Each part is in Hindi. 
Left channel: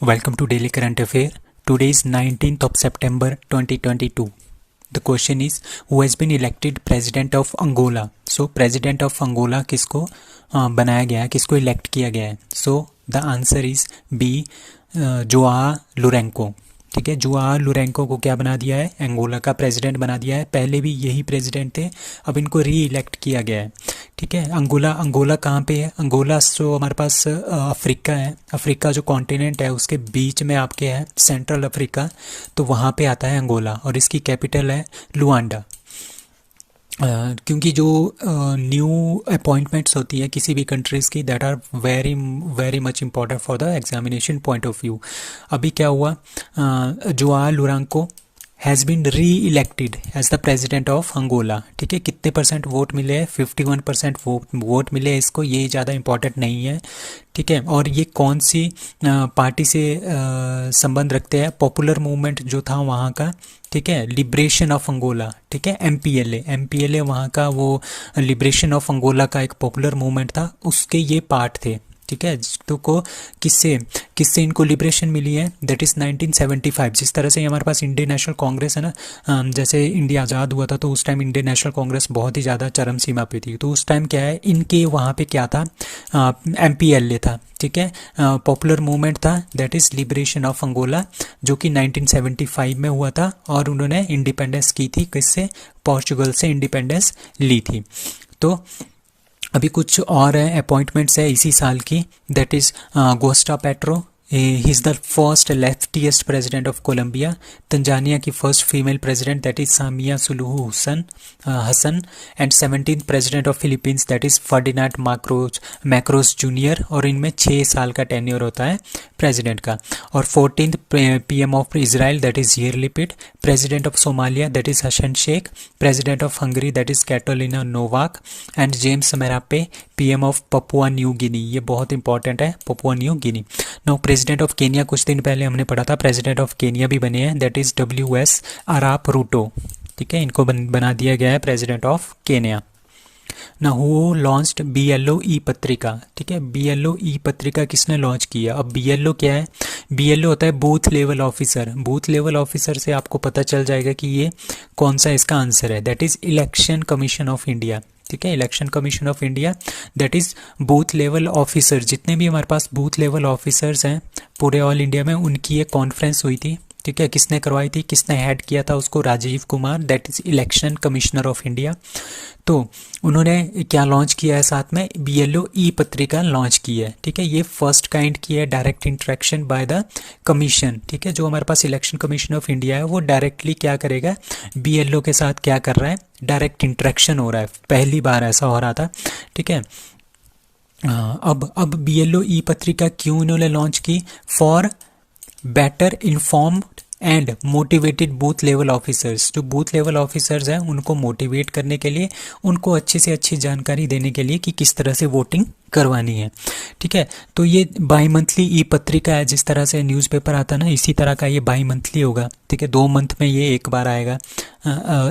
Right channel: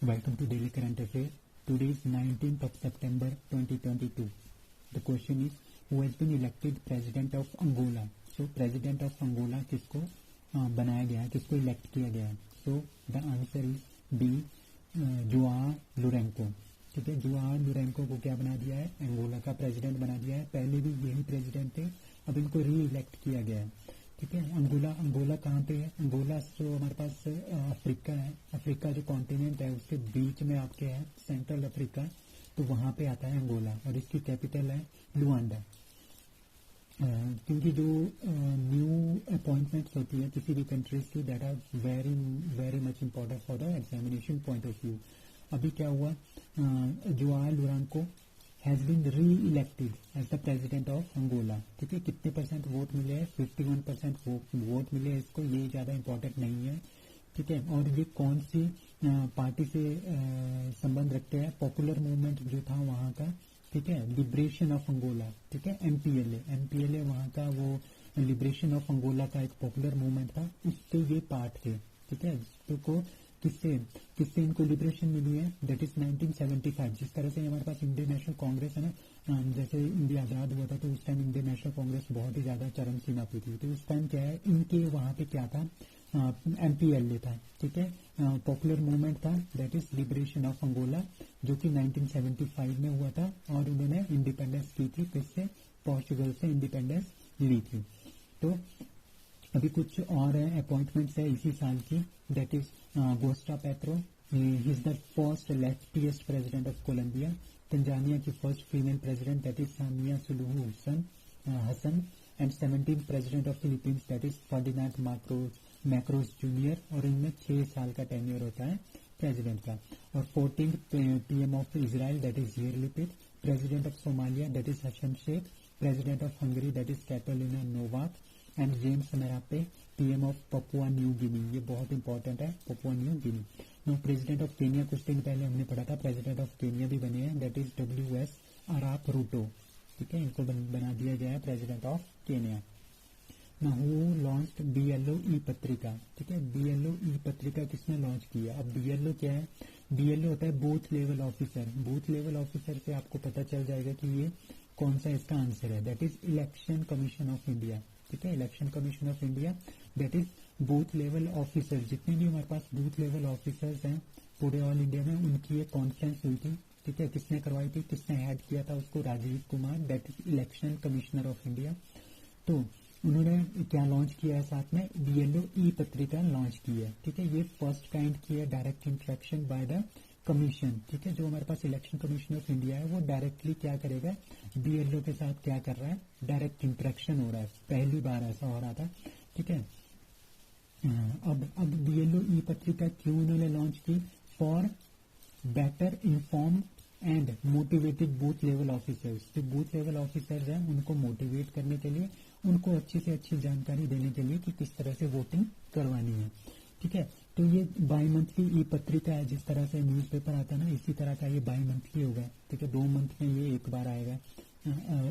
Welcome to Daily Current Affair. Today is 19th of September 2022. The question is, who has been elected president of Angola? So president of Angola किसको बनाया गया है, किसको elect किया गया है? So the answer is B, जोआ लोरेंको. ठीक है, जुआ लोरेंको को क्या बना दिया है, अंगोला का प्रेसिडेंट बना दिया है. पहले भी यही प्रेसिडेंट थे, अब इनको री इलेक्ट किया गया है. ठीक है, अंगोला कहाँ पे है? अंगोला जो हमारे पास अफ्रीका है, अफ्रीका जो कॉन्टिनेंट है उसके बीच में आपके है सेंट्रल अफ्रीका, तो वहाँ पे आता है अंगोला और इसकी कैपिटल है लुआंडा. क्योंकि जो न्यू अपॉइंटमेंट्स होती है किसी भी कंट्रीज़ की, that are very very much important for the examination point of view. अभी क्या हुआ, Joao Lourenco has been reelected as the president of Angola. ठीक है, कितने परसेंट वोट मिले हैं? 51% वोट मिले इसको. ये ज़्यादा इम्पॉर्टेंट नहीं है. ठीक है, और ये कौन सी पार्टी से संबंध रखते हैं? पॉपुलर मूवमेंट जो था वहाँ का. ठीक है, लिबरेशन ऑफ अंगोला. ठीक है, एमपीएलए वहाँ का वो लिबरेशन ऑफ अंगोला का एक पॉपुलर मूवमेंट था, उसके ये पार्ट थे. ठीक है, तो को किससे किससे इनको लिबरेशन मिली है? That is 1975. जिस तरह से हमारे पास इंडियन नेशनल कांग्रेस है ना, जैसे इंडिया आज़ाद हुआ था तो उस टाइम इंडियन नेशनल कांग्रेस बहुत ही ज़्यादा चरम सीमा पे थी. तो उस टाइम क्या है, इनके वहाँ पे क्या था, एमपीएलए था. ठीक है, पॉपुलर मूवमेंट था, that is liberation of Angola, जो कि 1975 में हुआ था और उन्होंने इंडिपेंडेंस की थी. किससे? पोर्चुगल से इंडिपेंडेंस ली थी. तो अभी कुछ और है अपॉइंटमेंट्स है इसी साल की, that is Gustavo Petro. He is the first leftiest president of Colombia. Tanzania की first female president, that is Samia Suluhu Hassan. And 17th president of Philippines, that is Ferdinand Marcos junior. और इनमें 6 साल का टेन्योर होता है प्रेसिडेंट का. और 14th PM of Israel, that is Yair Lapid. President of Somalia, that is Hassan Sheikh. President of Hungary, that is Katalin Novak. And James Marape, PM of Papua New Guinea. ये बहुत इंपॉर्टेंट है, Papua New Guinea. No, president of Kenya कुछ दिन पहले हमने पढ़ा था, प्रेसिडेंट ऑफ केनिया भी बने हैं, दैट इज़ WS अराप रूटो. ठीक है, इनको बना दिया गया है प्रेसिडेंट ऑफ केनिया. ना हु लॉन्च्ड BLO ई पत्रिका. ठीक है, BLO ई पत्रिका किसने लॉन्च किया? अब BLO क्या है? BLO होता है booth level officer. Booth level officer से आपको पता चल जाएगा कि ये कौन सा इसका आंसर है. That is election commission of India. ठीक है, election commission of India, that is booth level officer. जितने भी हमारे पास बूथ लेवल ऑफिसर्स हैं पूरे ऑल इंडिया में, उनकी एक कॉन्फ्रेंस हुई थी. ठीक है, किसने करवाई थी, किसने हेड किया था उसको? Rajiv Kumar, that is election commissioner of India. तो उन्होंने क्या लॉन्च किया है? साथ में BLO ई पत्रिका लॉन्च की है. ठीक है, ये फर्स्ट काइंड की है direct interaction by the commission. ठीक है, जो हमारे पास इलेक्शन कमीशन ऑफ इंडिया है वो डायरेक्टली क्या करेगा, BLO के साथ क्या कर रहा है, डायरेक्ट इंटरेक्शन हो रहा है. पहली बार ऐसा हो रहा था. ठीक है, अब BLO ई पत्रिका क्यों इन्होंने लॉन्च की? For better informed and motivated booth level officers. जो बूथ लेवल ऑफिसर्स हैं उनको मोटिवेट करने के लिए, उनको अच्छी से अच्छी जानकारी देने के लिए कि किस तरह से वोटिंग करवानी है. ठीक है, तो ये बाई मंथली ई पत्रिका है. जिस तरह से न्यूज़पेपर आता है ना, इसी तरह का ये बाई मंथली होगा. ठीक है, 2 मंथ में ये एक बार आएगा,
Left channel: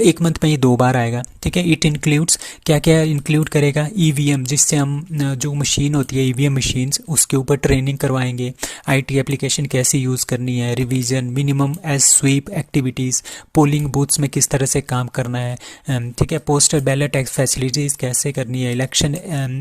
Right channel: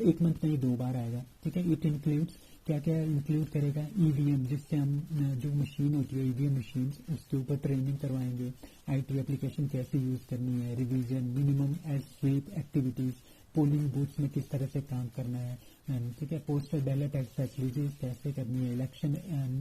1 मंथ में ये 2 बार आएगा. ठीक है, इट इंक्लूड्स क्या क्या इंक्लूड करेगा? EVM, जिससे हम जो मशीन होती है EVM मशीन्स, उसके ऊपर ट्रेनिंग करवाएंगे. IT एप्लीकेशन कैसे यूज़ करनी है, revision, minimum age sweep activities, polling booths में किस तरह से काम करना है. ठीक है, पोस्टल बैलेट फैसिलिटीज़ कैसे करनी है, इलेक्शन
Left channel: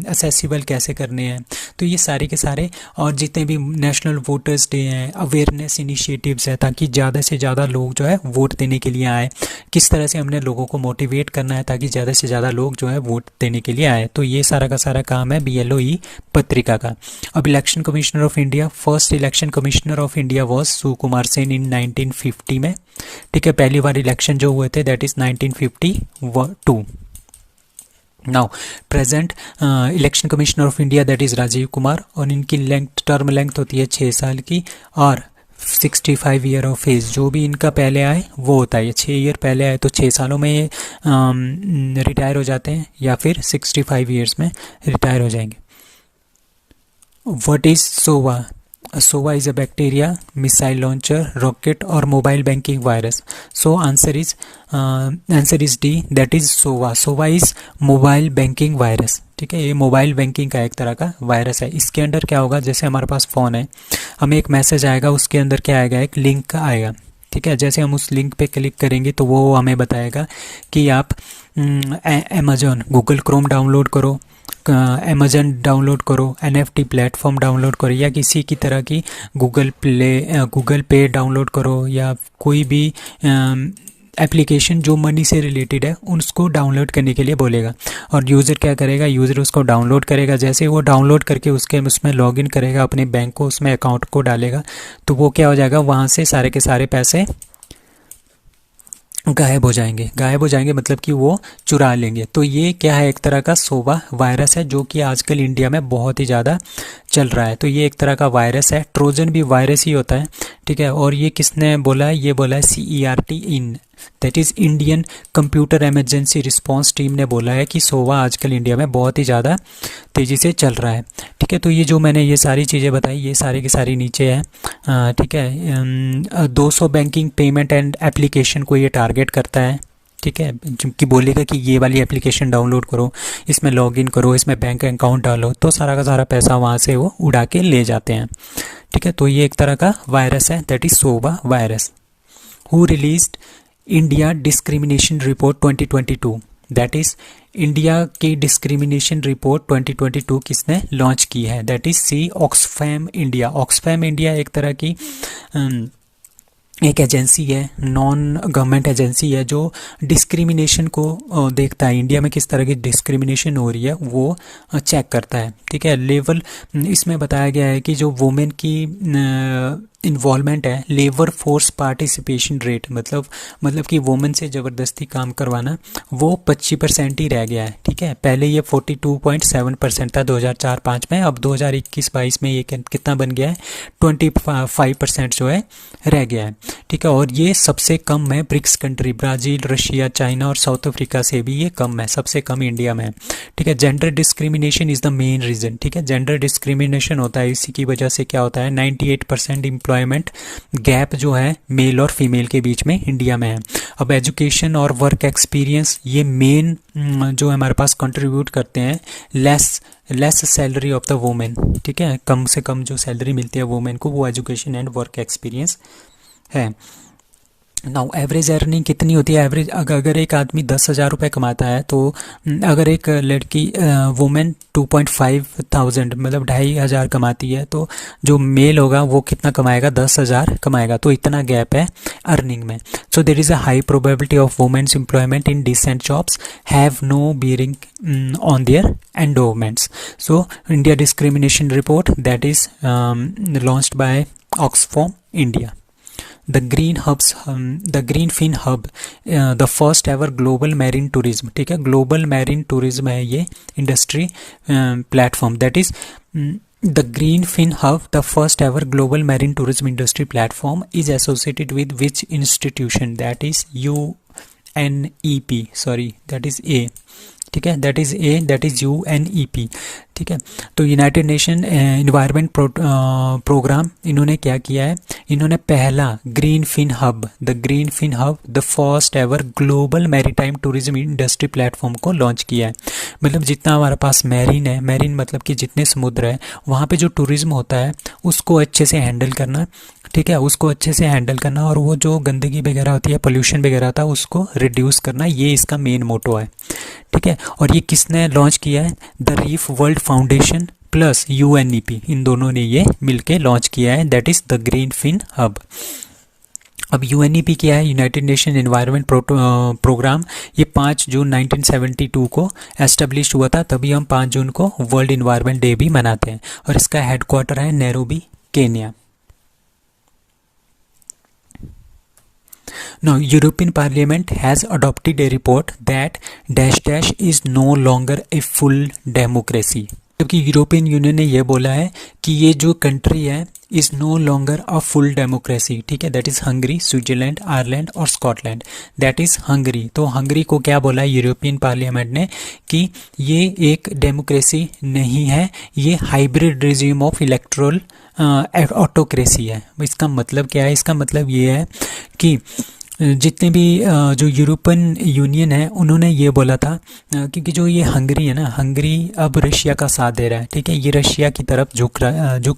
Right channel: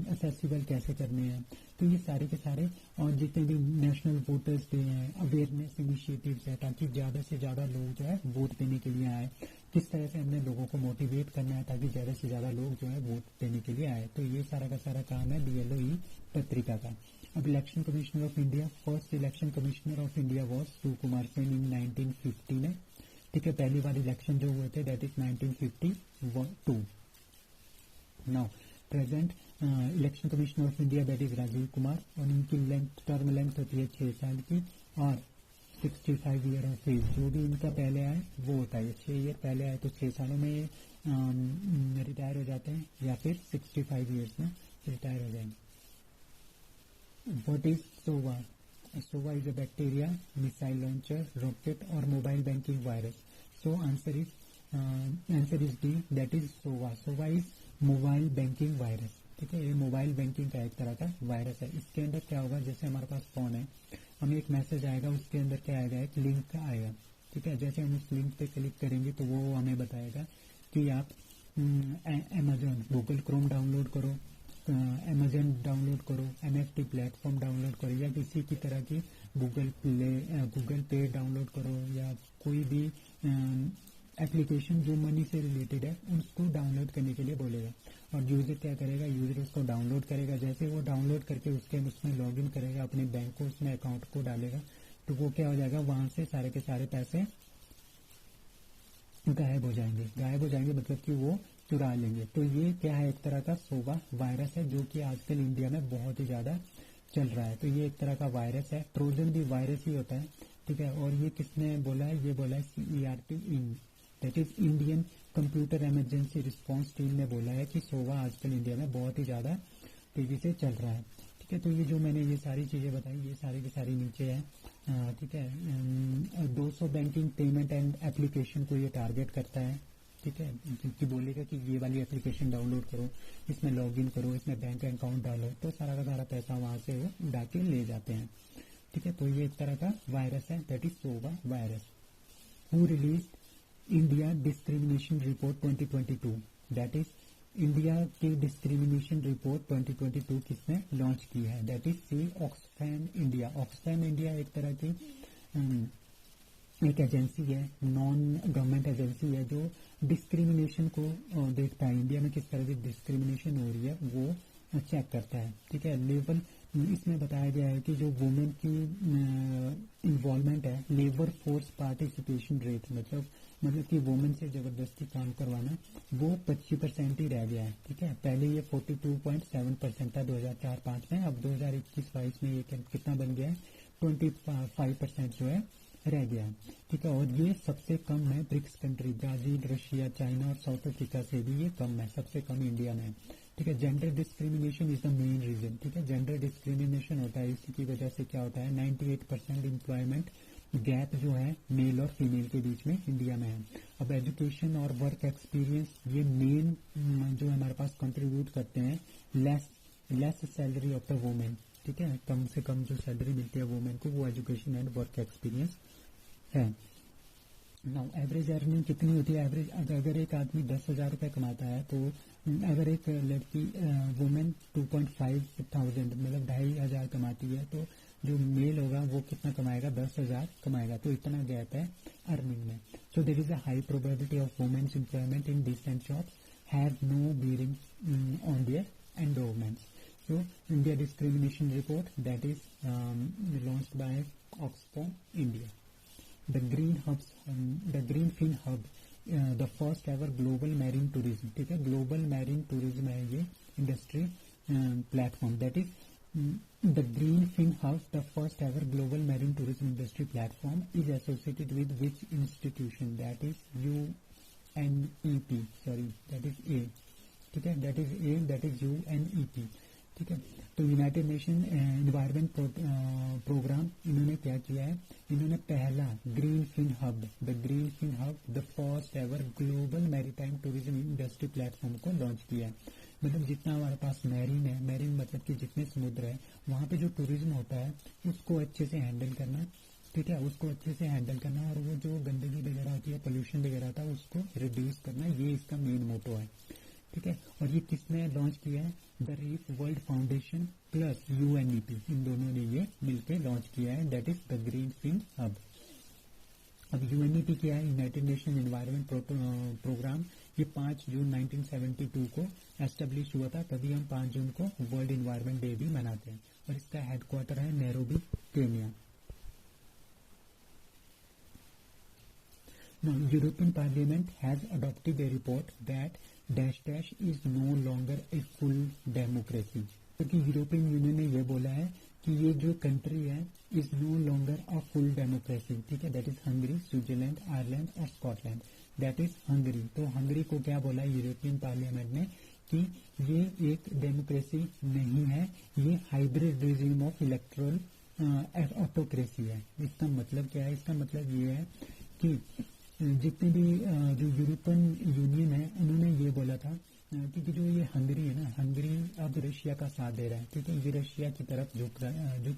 असेसिबल कैसे करने हैं. तो ये सारे के सारे, और जितने भी नेशनल वोटर्स डे हैं, अवेयरनेस इनिशिएटिव्स है, ताकि ज़्यादा से ज़्यादा लोग जो है वोट देने के लिए आए. किस तरह से हमने लोगों को मोटिवेट करना है ताकि ज़्यादा से ज़्यादा लोग जो है वोट देने के लिए आए. तो ये सारा का सारा काम है BLO ई पत्रिका का. अब election commissioner of India, first election commissioner of India was Sukumar Sen in 1950 में. ठीक है, पहली बार इलेक्शन जो हुए थे that is 1952. Now present election commissioner of India that is Rajiv Kumar, और इनकी टर्म लेंथ होती है 6 साल की, और 65 ईयर ऑफ एज. जो भी इनका पहले आए वो होता है. 6 ईयर पहले आए तो 6 सालों में ये रिटायर हो जाते हैं, या फिर 65 ईयर्स में रिटायर हो जाएंगे. What is SOVA? SOVA is a bacteria, missile launcher, rocket और mobile banking virus. So answer is D, that is SOVA. SOVA is mobile banking virus. ठीक है, ये मोबाइल बैंकिंग का एक तरह का वायरस है। इसके अंदर क्या होगा, जैसे हमारे पास फ़ोन है, हमें एक मैसेज आएगा, उसके अंदर क्या आएगा, एक लिंक आएगा। ठीक है, जैसे हम उस लिंक पे क्लिक करेंगे तो वो हमें बताएगा कि आप अमेजोन, गूगल क्रोम डाउनलोड करो, अमेजन डाउनलोड करो, एनएफटी प्लेटफॉर्म डाउनलोड करो, या किसी की तरह की गूगल पे डाउनलोड करो, या कोई भी एप्लीकेशन जो मनी से रिलेटेड है उसको डाउनलोड करने के लिए बोलेगा। और यूज़र क्या करेगा, यूज़र उसको डाउनलोड करेगा। जैसे वो डाउनलोड करके उसमें लॉगिन करेगा, अपने बैंक को, उसमें अकाउंट को डालेगा, तो वो क्या हो जाएगा, वहाँ से सारे के सारे पैसे गायब हो जाएंगे। गायब हो जाएंगे मतलब कि वो चुरा लेंगे। तो ये क्या है, एक तरह का सोवा वायरस है, जो कि आजकल इंडिया में बहुत ही ज़्यादा चल रहा है। तो ये एक तरह का वायरस है। ट्रोजन भी वायरस ही होता है। ठीक है, और ये किसने बोला है, ये बोला है CERT in, that is Indian computer emergency response team ने बोला है कि सोवा आजकल इंडिया में बहुत ही ज़्यादा तेज़ी से चल रहा है। ठीक है, तो ये जो मैंने ये सारी चीज़ें बताई, ये सारी की सारी नीचे है। ठीक है, 200 बैंकिंग पेमेंट एंड एप्लीकेशन को ये टारगेट करता है। ठीक है, कि बोलेगा कि ये वाली एप्लीकेशन डाउनलोड करो, इसमें लॉगिन करो, इसमें बैंक अकाउंट डालो, तो सारा का सारा पैसा वहाँ से वो उड़ा के ले जाते हैं। ठीक है, तो ये एक तरह का वायरस है, that is Sova virus. Who released India discrimination report 2022, that is India की डिस्क्रिमिनेशन रिपोर्ट 2022 किसने लॉन्च की है, that is see Oxfam India. Oxfam India एक तरह की एक एजेंसी है, नॉन गवर्नमेंट एजेंसी है, जो डिस्क्रिमिनेशन को देखता है, इंडिया में किस तरह की डिस्क्रिमिनेशन हो रही है वो चेक करता है। ठीक है, लेवल इसमें बताया गया है कि जो वुमेन की इन्वॉल्वमेंट है, लेबर फोर्स पार्टिसिपेशन रेट, मतलब कि वुमेन से ज़बरदस्ती काम करवाना, वो 25% ही रह गया है। ठीक है, पहले ये 42.7% था 2004-05 में, अब 2021-22 में ये कितना बन गया है, 25% जो है रह गया है। ठीक है, और ये सबसे कम है BRICS country, Brazil, Russia, China और साउथ अफ्रीका से भी ये कम है, सबसे कम इंडिया में है। ठीक है, gender discrimination is the main reason. ठीक है, जेंडर डिस्क्रिमिनेशन होता है, इसी की वजह से क्या होता है, 98% एम्प्लॉयमेंट गैप जो है मेल और फीमेल के बीच में इंडिया में है। अब एजुकेशन और वर्क एक्सपीरियंस, ये मेन जो हमारे पास कंट्रीब्यूट करते हैं less salary of the women. ठीक है, कम से कम जो सैलरी मिलती है वुमेन को, वो एजुकेशन एंड वर्क एक्सपीरियंस है। नाउ एवरेज अर्निंग कितनी होती है, एवरेज अगर एक आदमी 10,000 रुपये कमाता है, तो अगर एक लड़की वुमेन 2,500 मतलब 2,500 कमाती है, तो जो मेल होगा वो कितना कमाएगा, 10,000 कमाएगा। तो इतना गैप है अर्निंग में। So there is a high probability of women's employment in decent jobs have no bearing on their endowments. So India discrimination report that is launched by Oxfam India. The Greenfin Hub, the first ever global marine tourism। ठीक है, ग्लोबल मैरीन टूरिज्म है ये industry platform, that is the Greenfin Hub, the first ever global marine tourism industry platform, is associated with which institution, that is UNEP, sorry that is A। ठीक है, that is a, that is UNEP। ठीक है, तो यूनाइटेड नेशन इन्वायरमेंट प्रोग्राम, इन्होंने क्या किया है, इन्होंने पहला Greenfin hub, the first ever global maritime tourism industry platform को लॉन्च किया है। मतलब जितना हमारे पास मैरीन है, मैरीन मतलब कि जितने समुद्र है, वहाँ पे जो टूरिज्म होता है उसको अच्छे से हैंडल करना। ठीक है, उसको अच्छे से हैंडल करना, और वो जो गंदगी वगैरह होती है, पोल्यूशन वगैरह होता है, उसको रिड्यूस करना, ये इसका मेन मोटो है। ठीक है, और ये किसने लॉन्च किया है, the reef world foundation plus UNEP, इन दोनों ने ये मिलके लॉन्च किया है, दैट इज़ द ग्रीनफिन हब। अब UNEP क्या है, यूनाइटेड नेशन एनवायरनमेंट प्रोग्राम, ये 5 जून 1972 को एस्टेब्लिश हुआ था, तभी हम 5 जून को वर्ल्ड इन्वायरमेंट डे भी मनाते हैं, और इसका हेडक्वार्टर है Nairobi, Kenya. Now, European Parliament has adopted a report that dash is no longer a full democracy। जबकि यूरोपियन यूनियन ने यह बोला है कि ये जो कंट्री है is no longer a full democracy. ठीक है, that is Hungary, Switzerland, Ireland और स्कॉटलैंड, दैट इज़ हंगरी। तो हंगरी को क्या बोला है यूरोपियन पार्लियामेंट ने कि ये एक डेमोक्रेसी नहीं है, ये hybrid regime of electoral autocracy है। इसका मतलब क्या है? इसका मतलब ये है कि जितने भी जो यूरोपियन यूनियन है उन्होंने ये बोला था, क्योंकि जो ये हंगरी है ना, हंगरी अब रशिया का साथ दे रहा है, ठीक है, ये रशिया की तरफ झुक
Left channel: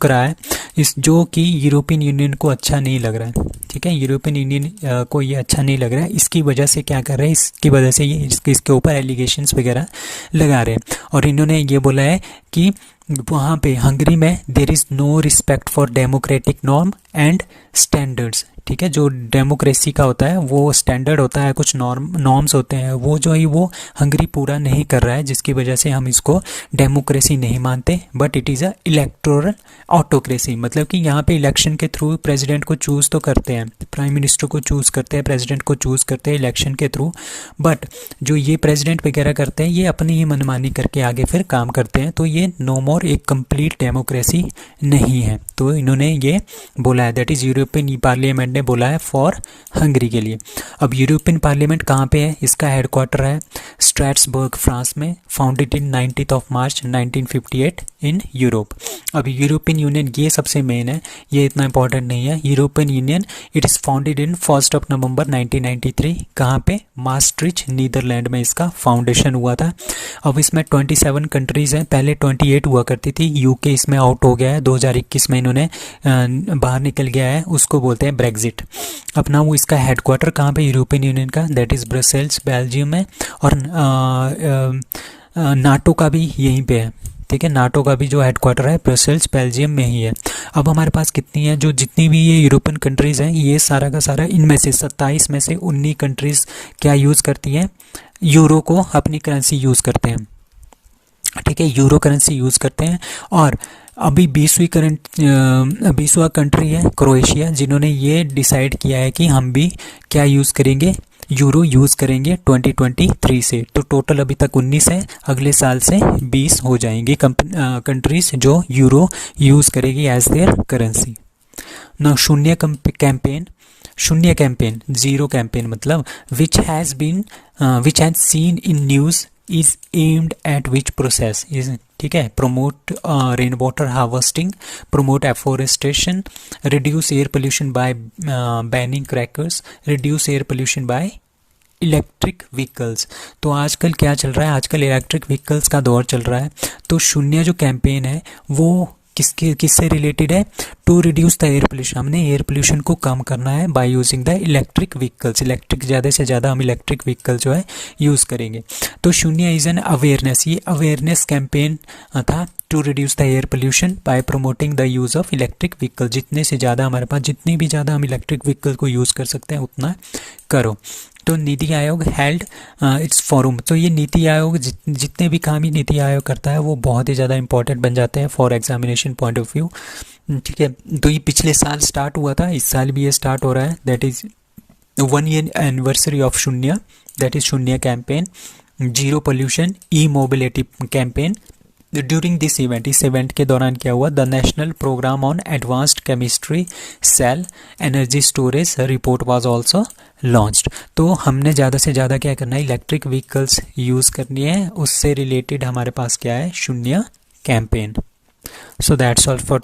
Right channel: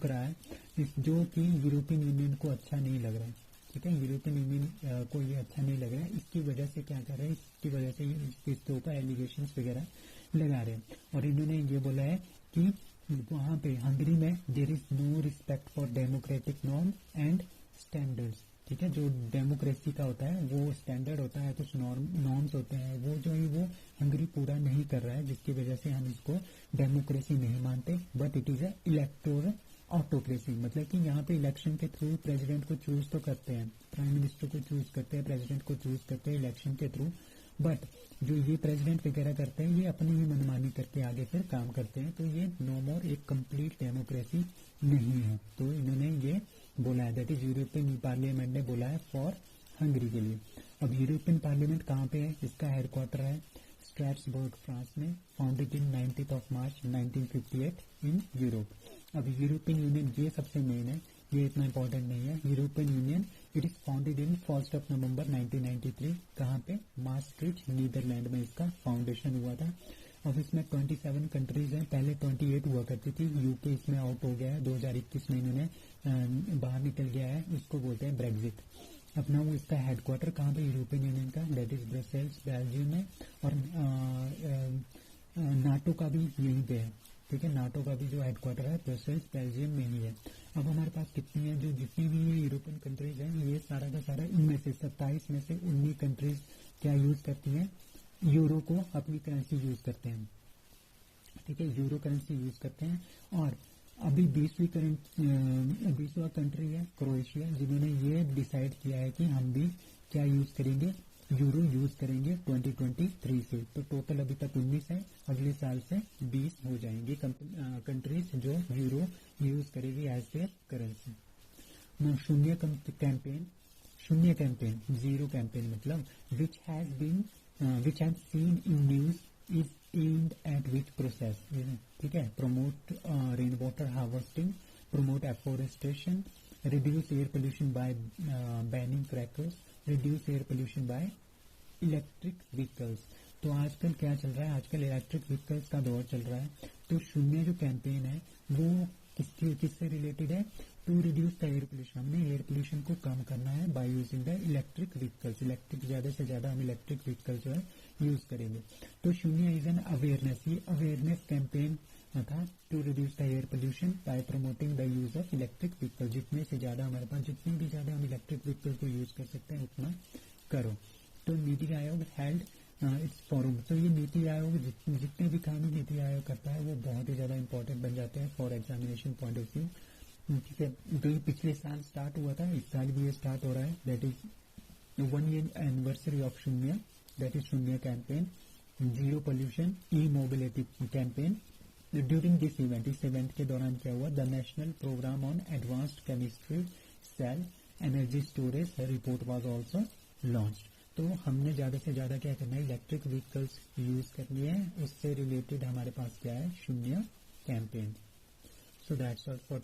रहा है, इस जो कि यूरोपियन यूनियन को अच्छा नहीं लग रहा है, ठीक है, यूरोपियन यूनियन को ये अच्छा नहीं लग रहा है। इसकी वजह से क्या कर रहे हैं, इसकी वजह से ये इसके ऊपर एलिगेशंस वगैरह लगा रहे हैं, और इन्होंने ये बोला है कि वहाँ पे हंगरी में there is no respect for democratic norm and standards, ठीक है, जो डेमोक्रेसी का होता है वो स्टैंडर्ड होता है, कुछ नॉर्म्स होते हैं, वो जो है वो हंगरी पूरा नहीं कर रहा है, जिसकी वजह से हम इसको डेमोक्रेसी नहीं मानते, but it is a electoral autocracy. मतलब कि यहाँ पे इलेक्शन के थ्रू प्रेसिडेंट को चूज़ तो करते हैं, प्राइम मिनिस्टर को चूज़ करते हैं, प्रेसिडेंट को चूज़ करते हैं इलेक्शन के थ्रू, बट जो ये प्रेसिडेंट वगैरह करते हैं ये अपनी ही मनमानी करके आगे फिर काम करते हैं, तो ये नो मोर एक कंप्लीट डेमोक्रेसी नहीं है। तो इन्होंने ये बोला है, दैट इज़ यूरोपियन पार्लियामेंट ने बोला है फॉर हंगरी के लिए। अब यूरोपियन पार्लियामेंट कहाँ पे है? इसका हेडक्वार्टर है स्ट्रैसबर्ग फ्रांस में, founded in 19 March 1958 in Europe. अब यूरोपियन यूनियन ये सबसे मेन है, ये इतना इंपॉर्टेंट नहीं है। European union it is founded in 1 नवंबर 1993, कहाँ पे? मास्ट्रिच नीदरलैंड में इसका फाउंडेशन हुआ था। अब इसमें 27 कंट्रीज़ हैं, पहले 28 हुआ करती थी, यूके इसमें आउट हो गया है, 2021 में इन्होंने बाहर निकल गया है, उसको बोलते हैं ब्रेग्जिट। अपना वो इसका हेडक्वार्टर कहाँ पे यूरोपियन यूनियन का? दैट इज़ ब्रसेल्स बेल्जियम में, और नाटो का भी यहीं पे है, ठीक है, नाटो का भी जो हेडक्वार्टर है ब्रसेल्स बेल्जियम में ही है। अब हमारे पास कितनी है, जो जितनी भी ये यूरोपियन कंट्रीज़ हैं, ये सारा का सारा इनमें से 27 में से 19 कंट्रीज़ क्या यूज़ करती हैं? यूरो को अपनी करेंसी यूज़ करते हैं, ठीक है, यूरो करेंसी यूज़ करते हैं। और अभी 20वां कंट्री है क्रोएशिया, जिन्होंने ये डिसाइड किया है कि हम भी क्या यूज़ करेंगे, यूरो यूज़ करेंगे 2023 से। तो टोटल अभी तक 19 है, अगले साल से 20 हो जाएंगे कंट्रीज़ जो यूरो यूज़ करेगी एज देयर करेंसी। ना कैंपेन, शून्य कैंपेन, जीरो कैंपेन, मतलब which has seen in news is aimed at which process is, ठीक है, promote rain water harvesting, promote afforestation, reduce air pollution bye banning crackers, reduce air pollution by electric vehicles. तो आजकल क्या चल रहा है? आजकल इलेक्ट्रिक व्हीकल्स का दौर चल रहा है। तो शून्य जो कैंपेन है वो किससे रिलेटेड है? To reduce the air pollution, हमने एयर पोल्यूशन को कम करना है by using the electric vehicles, electric ज़्यादा से ज़्यादा हम इलेक्ट्रिक व्हीकल जो है यूज़ करेंगे। तो शून्य इज़ एन अवेयरनेस, ये अवेयरनेस कैंपेन था to reduce the air pollution by promoting the use of electric vehicle. जितने से ज़्यादा हमारे पास, जितनी भी ज़्यादा हम इलेक्ट्रिक व्हीकल को यूज़ कर सकते हैं उतना करो। तो NITI Aayog held it's forum. तो ये नीति आयोग जितने भी काम ही नीति आयोग करता है वो बहुत ही ज़्यादा इंपॉर्टेंट बन जाते हैं for examination point of view, ठीक है। तो ये पिछले साल स्टार्ट हुआ था, इस साल भी ये स्टार्ट हो रहा है, that is 1 year anniversary of Shunya, that is Shunya campaign, zero pollution e mobility campaign. During this event, इस इवेंट के दौरान क्या हुआ? The national programme on advanced chemistry cell energy storage report was also launched. तो हमने ज़्यादा से ज़्यादा क्या करना है? इलेक्ट्रिक व्हीकल्स यूज़ करनी है, उससे रिलेटेड हमारे पास क्या है? शून्य campaign. So that's all for today.